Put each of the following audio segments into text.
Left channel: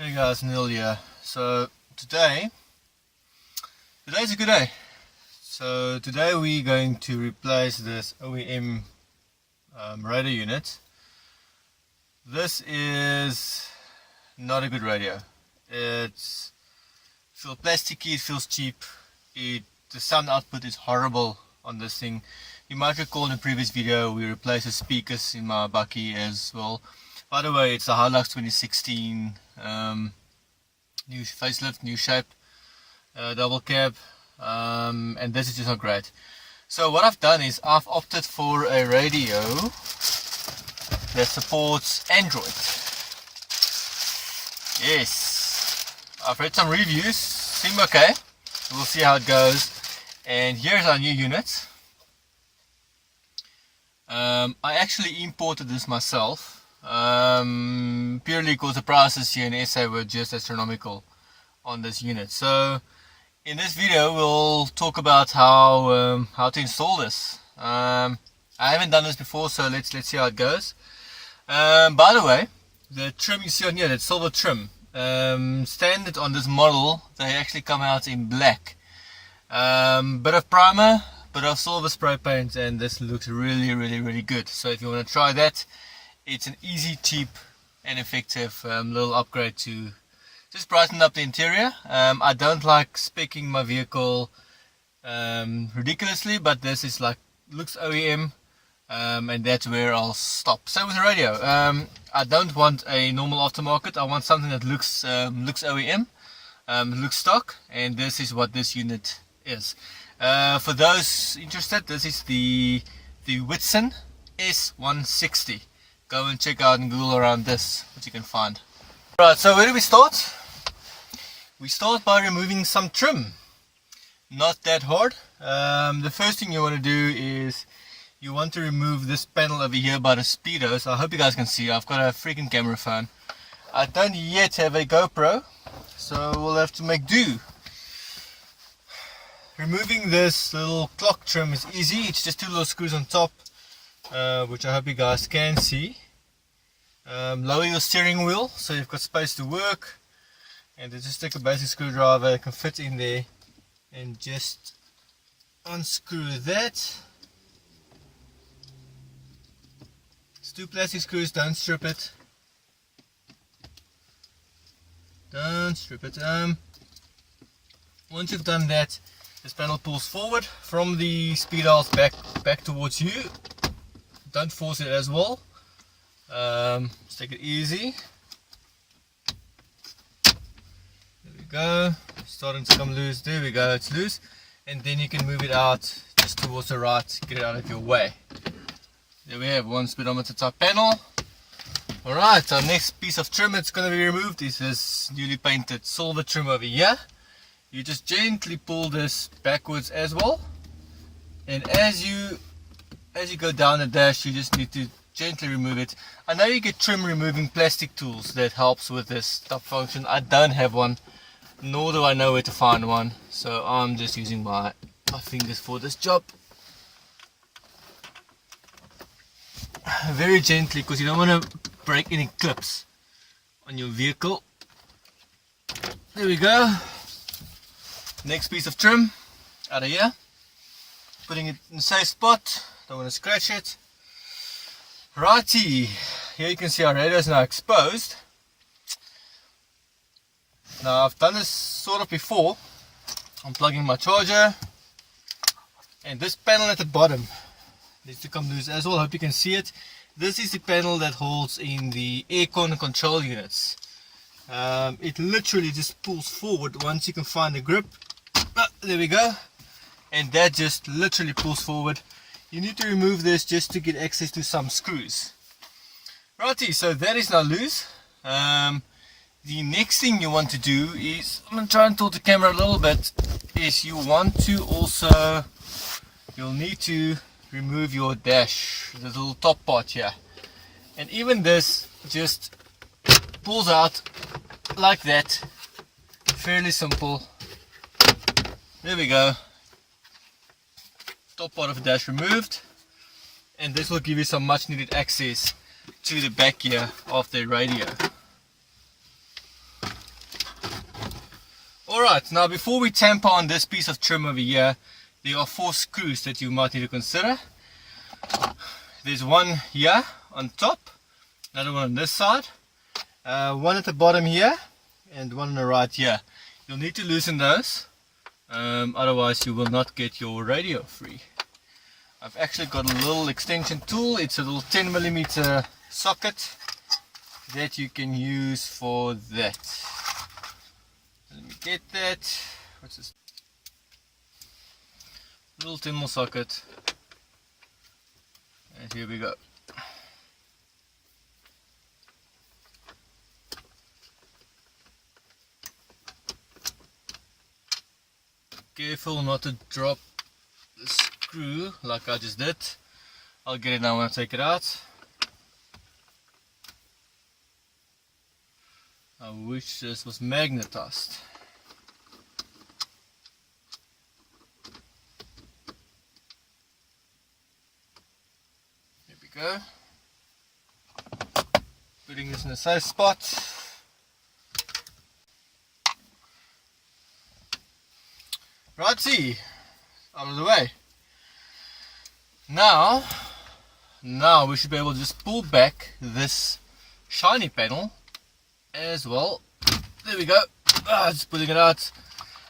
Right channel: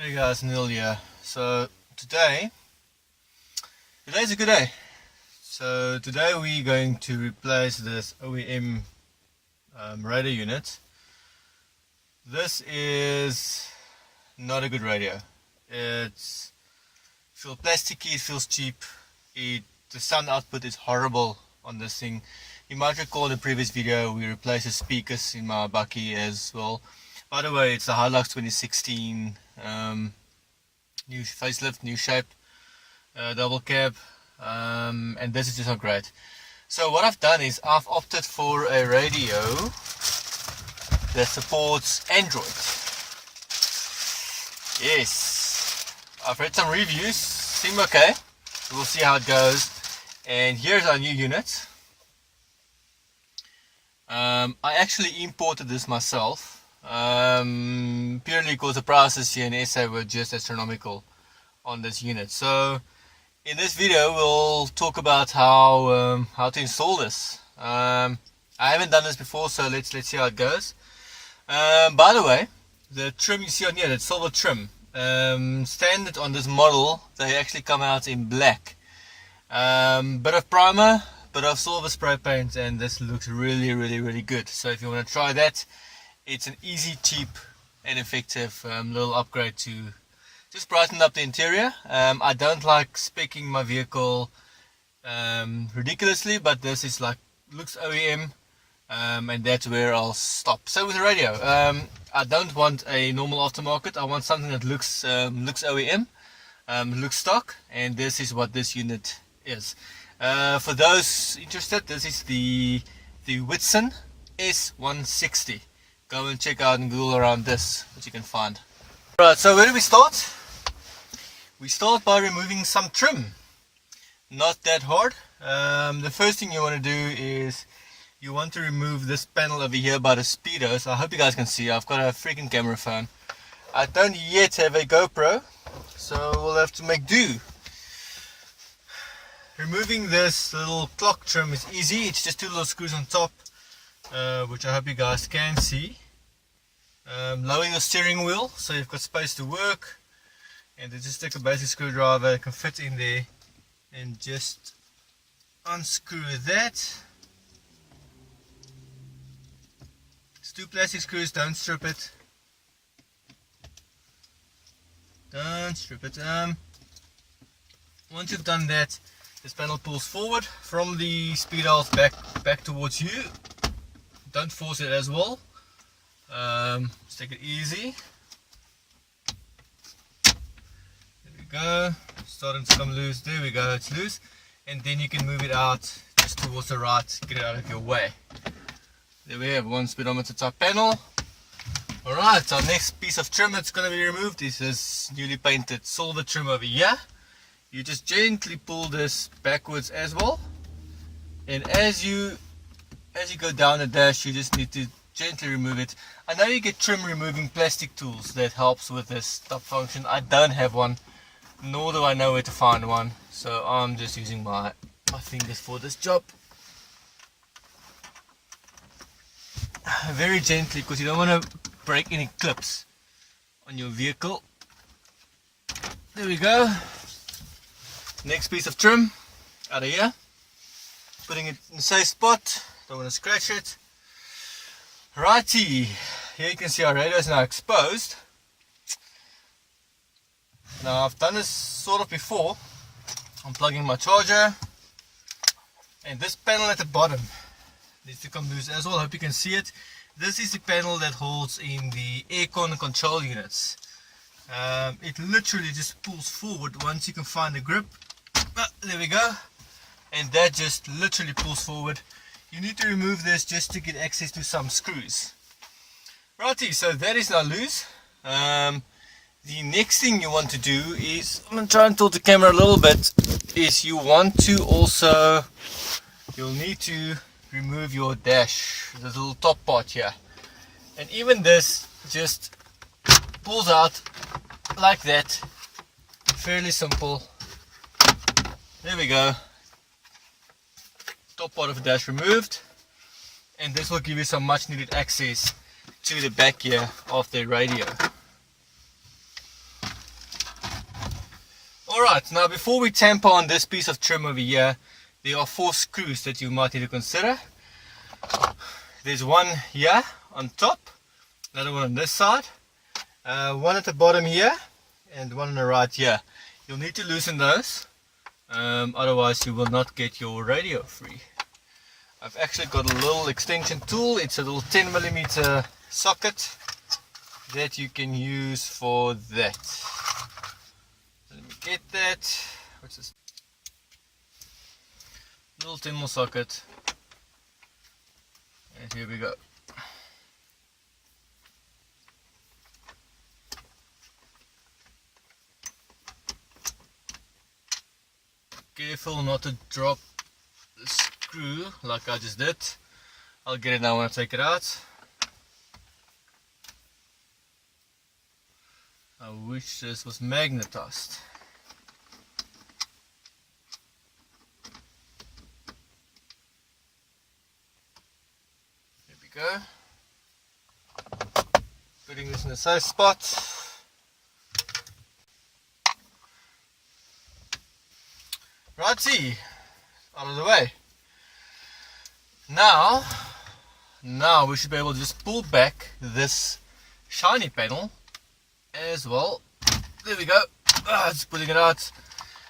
Hey guys, Neil here. So today's a good day. So today we're going to replace this OEM radio unit. This is not a good radio. It feels plasticky, it feels cheap. The sound output is horrible on this thing. You might recall in the previous video we replaced the speakers in my bakkie as well. By the way, it's a Hilux 2016 new facelift, new shape, double cab, and this is just not great. So what I've done is I've opted for a radio that supports Android. Yes, I've read some reviews, seem okay. We'll see how it goes. And here's our new unit. I actually imported this myself. Purely because the prices here in SA were just astronomical on this unit. So in this video we'll talk about how to install this. I haven't done this before, so let's see how it goes. By the way, the trim you see on here, that silver trim, standard on this model, they actually come out in black. Bit of primer, bit of silver spray paint, and this looks really good. So if you want to try that, it's an easy, cheap and effective little upgrade to just brighten up the interior. I don't like speccing my vehicle ridiculously, but this is like, looks OEM, and that's where I'll stop. So with the radio, I don't want a normal aftermarket. I want something that looks OEM, looks stock, and this is what this unit is. For those interested, this is the Whitson S160. Go and check out and Google around this, what you can find. Right, so where do we start? We start by removing some trim. Not that hard. The first thing you want to do is you want to remove this panel over here by the speedos. I hope you guys can see. I've got a freaking camera phone. I don't yet have a GoPro, so we'll have to make do. Removing this little clock trim is easy. It's just two little screws on top, which I hope you guys can see. Lower your steering wheel so you've got space to work, and then just take a basic screwdriver that can fit in there and just unscrew that. It's two plastic screws, don't strip it. Don't strip it. Once you've done that, this panel pulls forward from the speed dials back towards you. Don't force it as well. Just take it easy. There we go. Starting to come loose. There we go. It's loose. And then you can move it out just towards the right. Get it out of your way. There we have one speedometer type panel. Alright, our next piece of trim that's going to be removed is this newly painted silver trim over here. You just gently pull this backwards as well. And as you go down the dash, you just need to gently remove it. I know you get trim removing plastic tools that helps with this top function. I don't have one, nor do I know where to find one, so I'm just using my fingers for this job. Very gently, because you don't want to break any clips on your vehicle. There we go. Next piece of trim out of here. Putting it in a safe spot. Don't want to scratch it. Righty, here you can see our radio is now exposed. Now I've done this sort of before. I'm plugging my charger, and this panel at the bottom needs to come loose as well. Hope you can see it. This is the panel that holds in the aircon control units. It literally just pulls forward once you can find the grip. There we go, and that just literally pulls forward. You need to remove this just to get access to some screws. Righty, so that is now loose. The next thing you want to do is, I'm going to try and tilt the camera a little bit, is you want to also, you'll need to remove your dash, the little top part here. And even this just pulls out like that. Fairly simple. There we go. Top part of the dash removed, and this will give you some much needed access to the back here of the radio. Alright, now before we tamper on this piece of trim over here, there are 4 screws that you might need to consider. There's one here on top, another one on this side, one at the bottom here, and one on the right here. You'll need to loosen those, otherwise you will not get your radio free. I've actually got a little extension tool. It's a little 10mm socket that you can use for that. Let me get that. What's this? Little 10mm socket. And here we go. Careful not to drop the screw like I just did. I'll get it now when I take it out. I wish this was magnetized. Here we go. Putting this in a safe spot. Righty, out of the way. Now we should be able to just pull back this shiny panel as well. There we go. Just putting it out.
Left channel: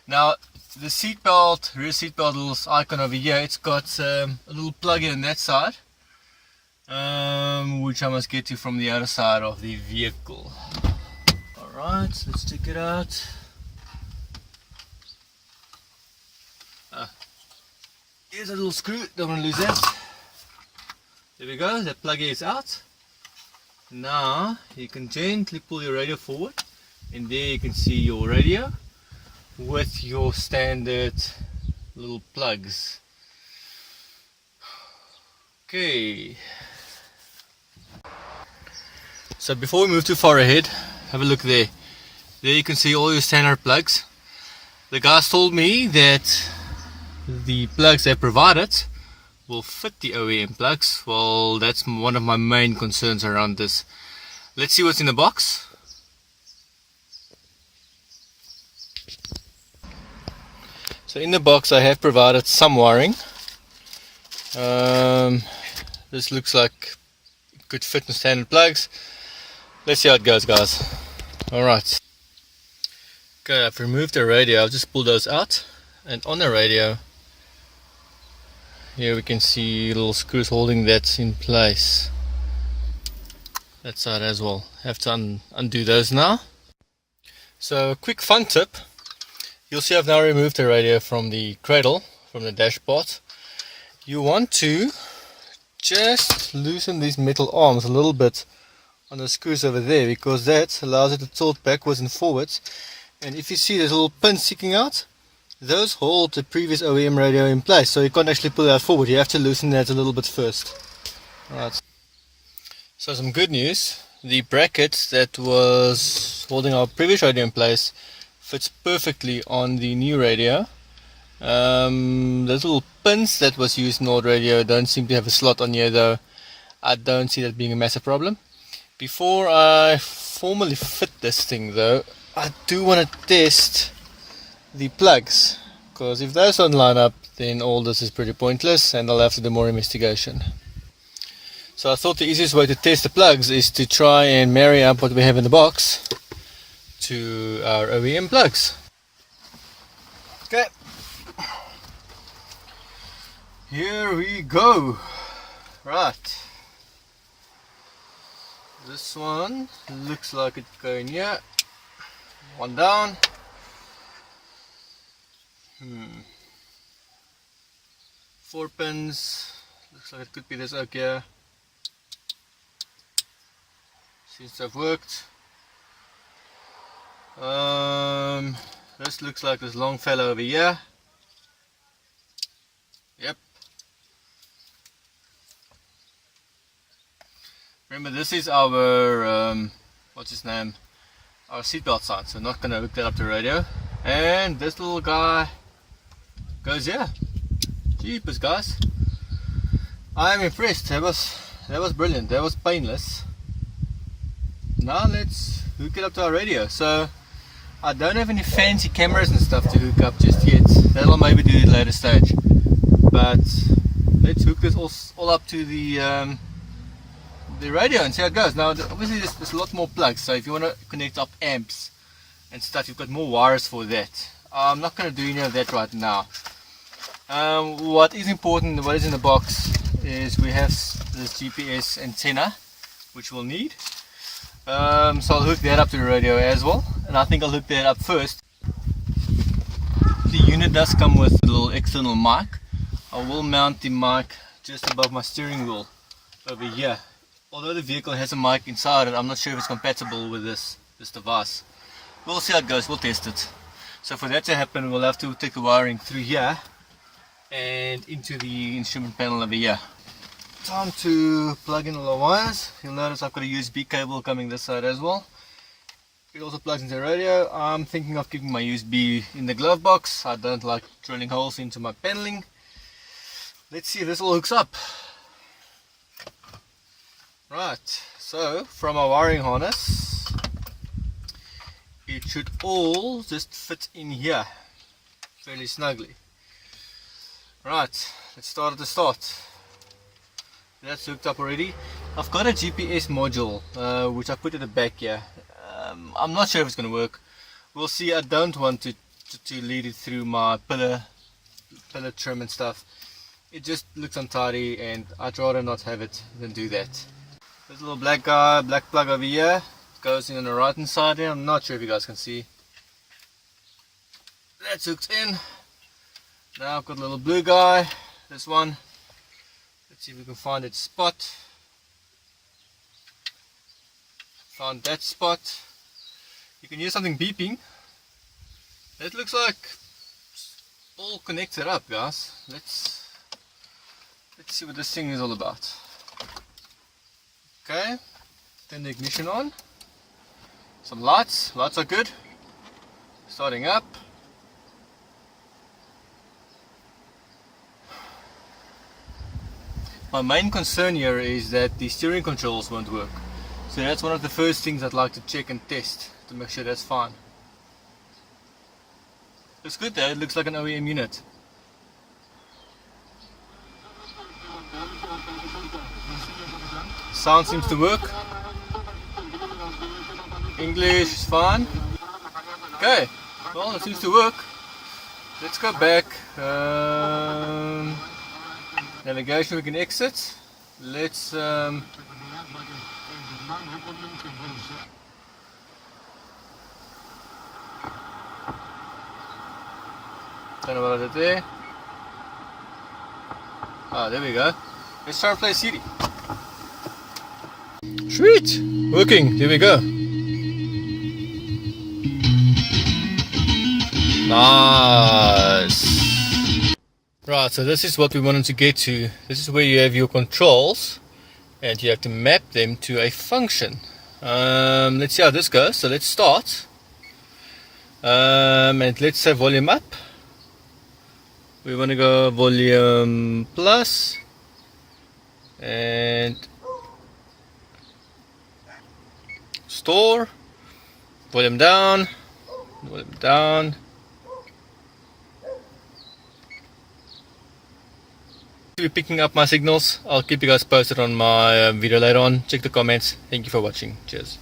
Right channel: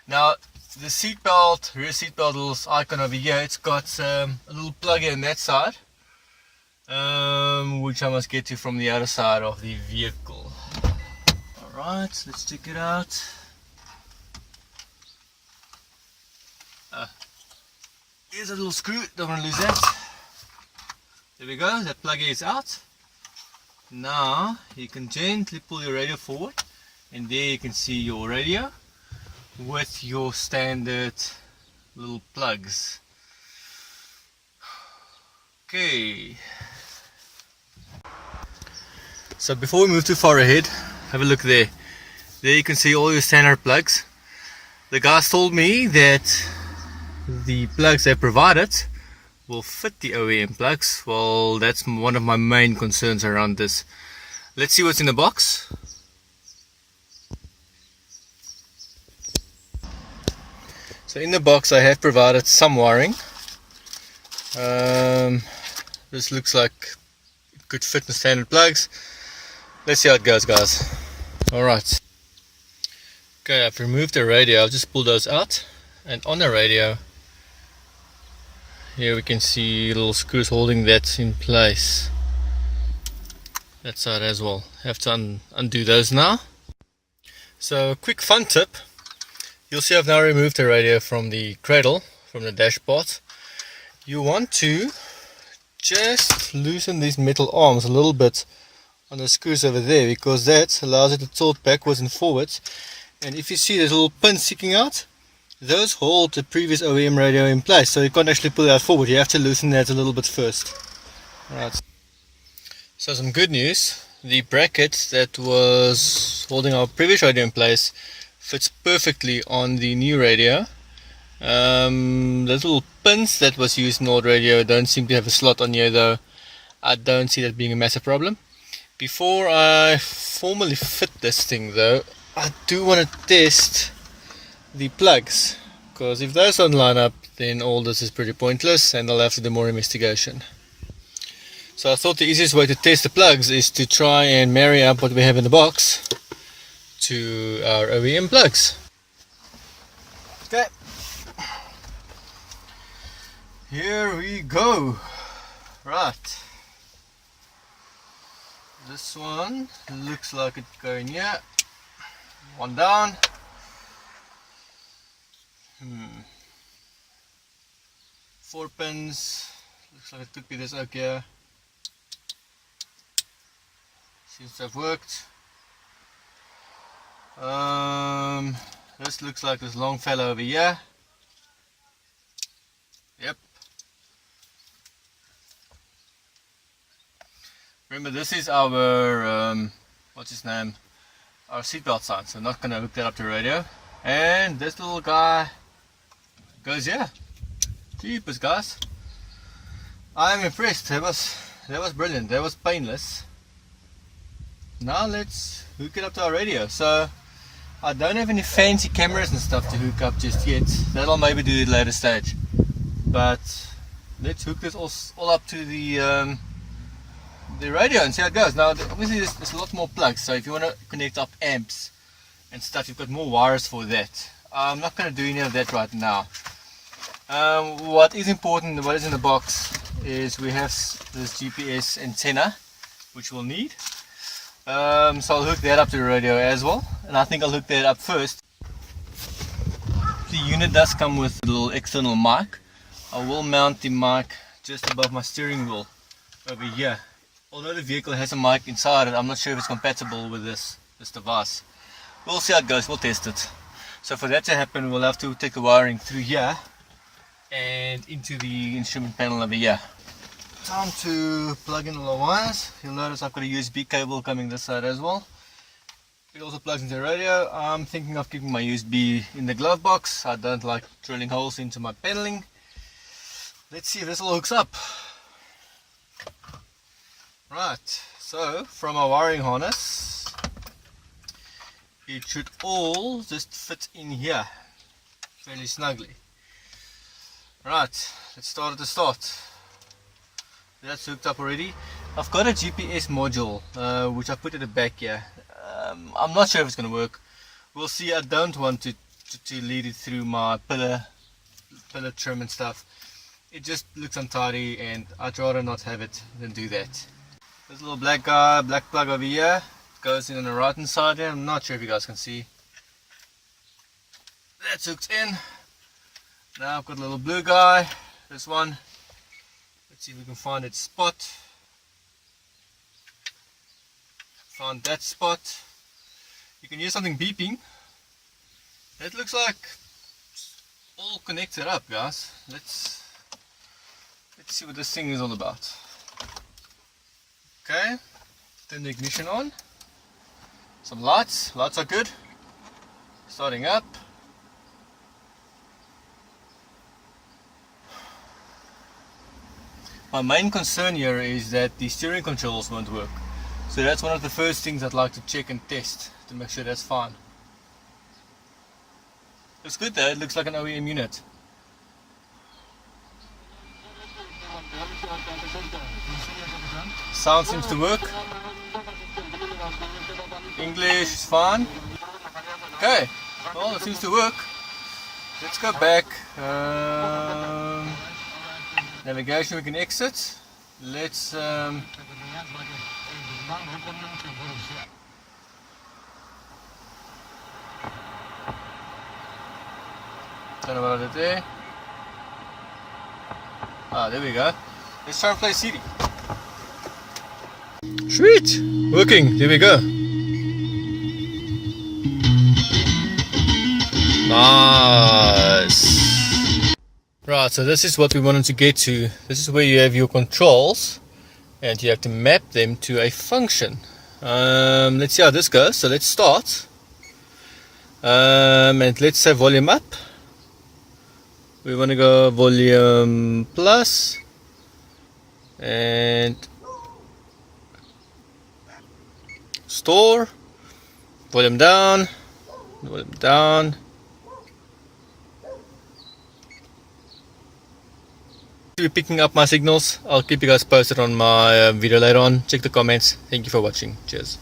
Now the seatbelt, rear seatbelt little icon over here, it's got a little plug in that side, which I must get to from the other side of the vehicle. Alright, let's check it out. Here's a little screw, don't want to lose that. There we go, that plug is out. Now you can gently pull your radio forward, and there you can see your radio with your standard little plugs. Okay, so before we move too far ahead, have a look there. There you can see all your standard plugs. The guys told me that the plugs they provided will fit the OEM plugs. Well, that's one of my main concerns around this. Let's see what's in the box. So in the box I have provided some wiring. This looks like it could fit in standard plugs. Let's see how it goes, guys. Alright. Okay, I've removed the radio. I'll just pull those out, and on the radio here we can see little screws holding that in place. That side as well. Have to undo those now. So, quick fun tip. You'll see I've now removed the radio from the cradle, from the dashboard. You want to just loosen these metal arms a little bit on the screws over there, because that allows it to tilt backwards and forwards. And if you see the little pins sticking out, those hold the previous OEM radio in place, so you can't actually pull that forward. You have to loosen that a little bit first. Right. So some good news, the bracket that was holding our previous radio in place fits perfectly on the new radio. The little pins that was used in the old radio don't seem to have a slot on here though. I don't see that being a massive problem. Before I formally fit this thing though, I do want to test the plugs, because if those don't line up, then all this is pretty pointless and I'll have to do more investigation. So I thought the easiest way to test the plugs is to try and marry up what we have in the box to our OEM plugs. Okay, here we go. Right, this one looks like it's going here. One down. 4 pins. Looks like it could be this oak here. Seems to have worked. This looks like this long fellow over here. Yep. Remember, this is our what's his name? Our seatbelt sign. So I'm not gonna hook that up to the radio. And this little guy goes here. Jeepers, guys. I am impressed. That was brilliant. That was painless. Now let's hook it up to our radio. So I don't have any fancy cameras and stuff to hook up just yet. That'll maybe do at a later stage. But let's hook this all up to the radio and see how it goes. Now obviously there's a lot more plugs, so if you want to connect up amps and stuff, you've got more wires for that. I'm not going to do any of that right now. What is important, what is in the box, is we have this GPS antenna, which we'll need. So I'll hook that up to the radio as well, and I think I'll hook that up first. The unit does come with a little external mic. I will mount the mic just above my steering wheel over here. Although the vehicle has a mic inside it, I'm not sure if it's compatible with this device. We'll see how it goes, we'll test it. So for that to happen, we'll have to take the wiring through here and into the instrument panel over here. Time to plug in all the wires. You'll notice I've got a USB cable coming this side as well. It also plugs into the radio. I'm thinking of keeping my USB in the glove box. I don't like drilling holes into my paneling. Let's see if this all hooks up. Right, so from our wiring harness, it should all just fit in here fairly snugly. Right, let's start at the start. That's hooked up already. I've got a GPS module which I put at the back here. I'm not sure if it's going to work. We'll see. I don't want to lead it through my pillar trim and stuff. It just looks untidy and I'd rather not have it than do that. This little black plug over here, it goes in on the right hand side here. I'm not sure if you guys can see. That's hooked in. Now I've got a little blue guy, this one. Let's see if we can find its spot. Found that spot. You can hear something beeping. It looks like it's all connected up, guys. Let's see what this thing is all about. Okay, turn the ignition on. Some lights. Lights are good. Starting up. My main concern here is that the steering controls won't work. So that's one of the first things I'd like to check and test to make sure that's fine. Looks good though, it looks like an OEM unit. Sound seems to work. English is fine. Okay, well it seems to work. Let's go back. Navigation, we can exit. Let's turn about it there. Ah, there we go. Let's try and play CD. Sweet! Working, there we go. Nice! Right, so this is what we wanted to get to. This is where you have your controls and you have to map them to a function. Let's see how this goes. So let's start. And let's say volume up. We want to go volume plus and store, volume down, volume down. Be picking up my signals. I'll keep you guys posted on my video later on. Check the comments. Thank you for watching. Cheers.